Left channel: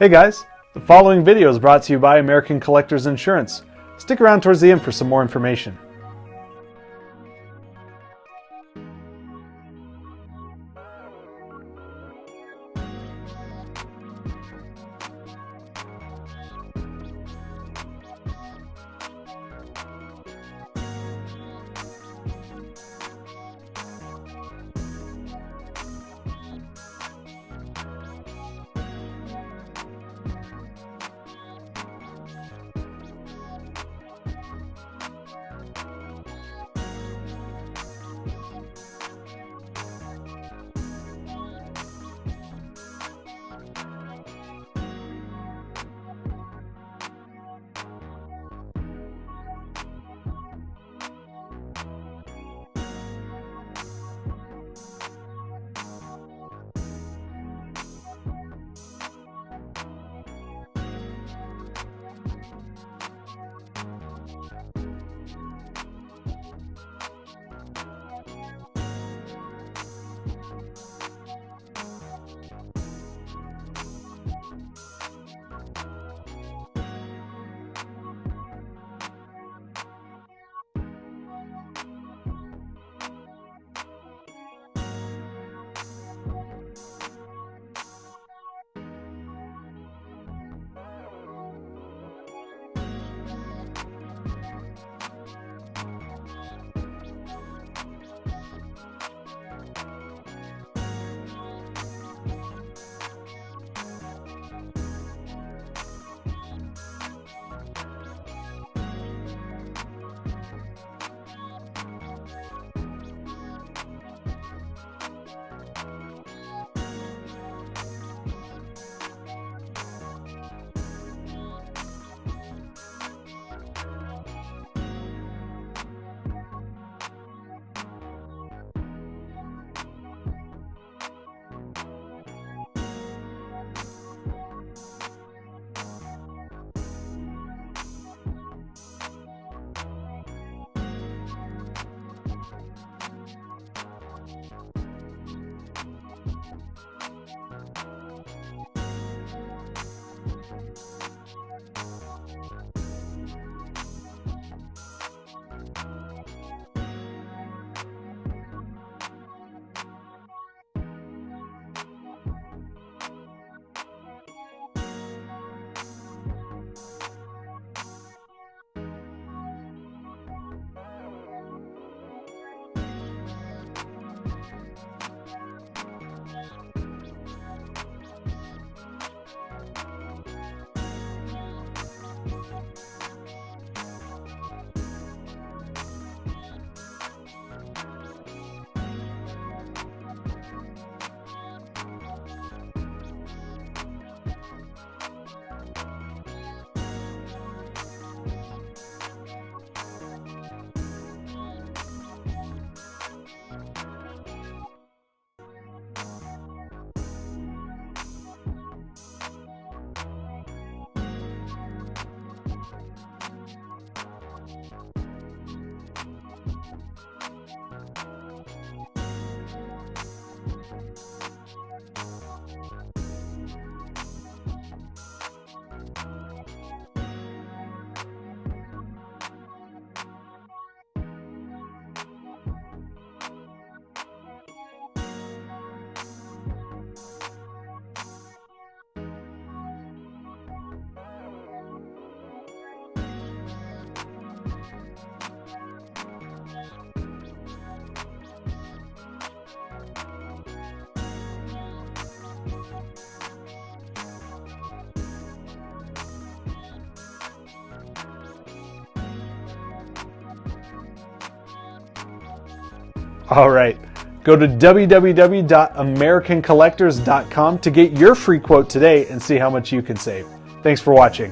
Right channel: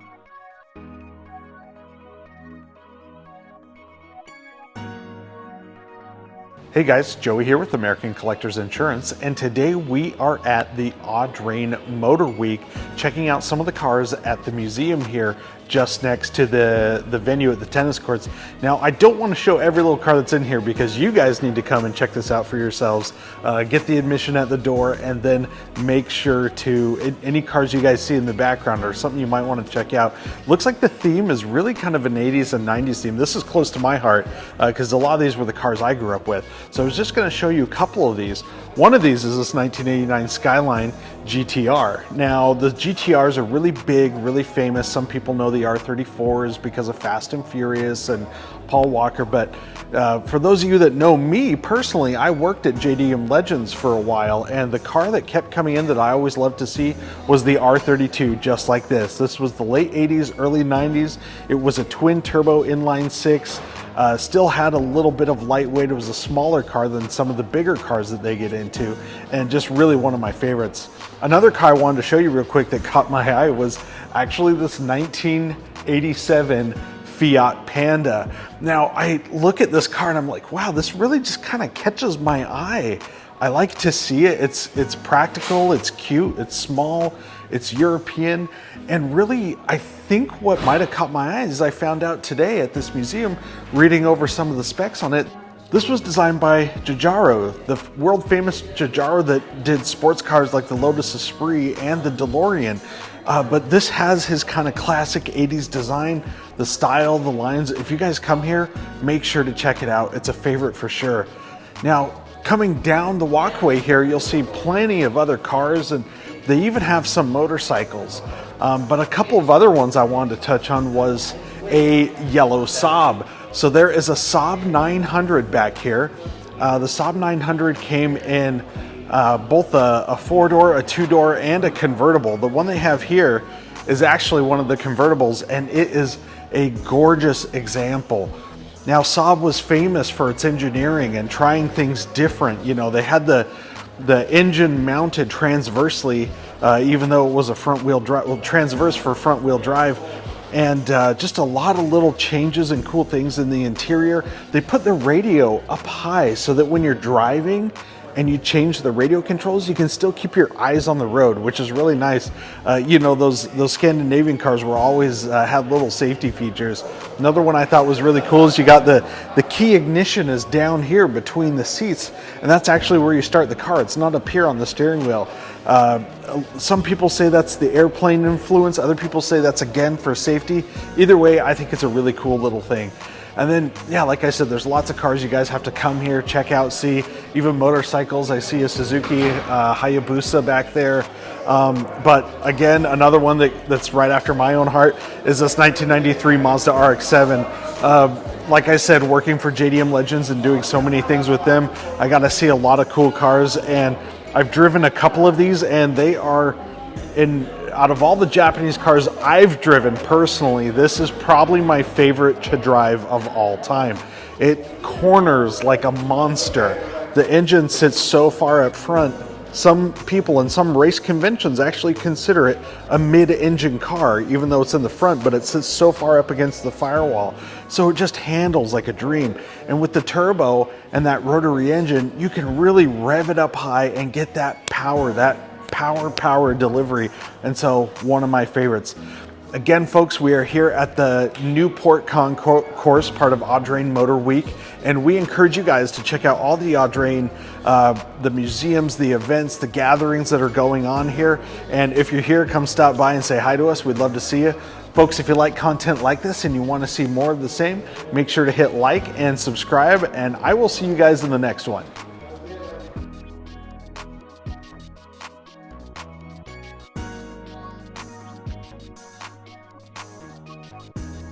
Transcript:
Hey guys, the following video is brought to you by American Collectors Insurance. Stick around towards the end for some more information. Hey guys, Joey here with American Collectors Insurance, and today we are at the Audrain Motor Week, checking out some of the cars at the museum here just next to the venue at the tennis courts. Now, I don't want to show every little car that's in here because you guys need to come and check this out for yourselves. Get the admission at the door, and then make sure to, any cars you guys see in the background or something you might want to check out. Looks like the theme is really kind of an 80s and 90s theme. This is close to my heart because a lot of these were the cars I grew up with. So I was just going to show you a couple of these. One of these is this 1989 Skyline GTR. Now, the GTRs are really big, really famous. Some people know the R34s because of Fast and Furious and Paul Walker, but for those of you that know me personally, I worked at JDM Legends for a while, and the car that kept coming in that I always loved to see was the R32, just like this. This was the late 80s, early 90s. It was a twin turbo inline six, still had a little bit of lightweight. It was a smaller car than some of the bigger cars that they get into, and just really one of my favorites. Another car I wanted to show you real quick that caught my eye was actually this 1987 Fiat Panda. Now, I look at this car and I'm like, wow, this really just kind of catches my eye. I like to see it. It's practical, it's cute, it's small, it's European, and really, I think what might have caught my eye is I found out today at this museum, reading over some of the specs on it, this was designed by Giugiaro, the world famous Giugiaro that did sports cars like the Lotus Esprit and the DeLorean. But this has his kind of classic 80s design, the style, the lines. If you guys come here, make sure to check it out. It's a favorite for sure. Now, coming down the walkway here, you'll see plenty of other cars, and they even have some motorcycles. But a couple of other ones I wanted to touch on was a yellow Saab. So there is a Saab 900 back here. The Saab 900 came in both a four-door, a two-door, and a convertible. The one they have here is actually one of the convertibles, and it is a gorgeous example. Now, Saab was famous for its engineering and trying things different. You know, they had the engine mounted transversely, even though it was a front-wheel drive, well, transverse for front-wheel drive. And just a lot of little changes and cool things in the interior. They put the radio up high so that when you're driving and you change the radio controls, you can still keep your eyes on the road, which is really nice. You know, those Scandinavian cars were always had little safety features. Another one I thought was really cool is you got the key ignition is down here between the seats, and that's actually where you start the car. It's not up here on the steering wheel. Some people say that's the airplane influence. Other people say that's again for safety. Either way, I think it's a really cool little thing. And then, yeah, like I said, there's lots of cars you guys have to come here, check out, see. Even motorcycles. I see a Suzuki Hayabusa back there. But again, another one that's right after my own heart is this 1993 Mazda RX-7. Like I said, working for JDM Legends and doing so many things with them, I got to see a lot of cool cars, and I've driven a couple of these, and they are out of all the Japanese cars I've driven personally, this is probably my favorite to drive of all time. It corners like a monster. The engine sits so far up front. Some people in some race conventions actually consider it a mid-engine car, even though it's in the front, but it sits so far up against the firewall. So it just handles like a dream. And with the turbo and that rotary engine, you can really rev it up high and get that power, power delivery. And so one of my favorites. Again, folks, we are here at the Newport Concours, part of Audrain Motor Week, and we encourage you guys to check out all the Audrain, the museums, the events, the gatherings that are going on here. And if you're here, come stop by and say hi to us. We'd love to see you. Folks, if you like content like this and you want to see more of the same, make sure to hit like and subscribe, and I will see you guys in the next one. All right. Go to www.americancollectors.com to get your free quote today and see how much you can save. Thanks for watching.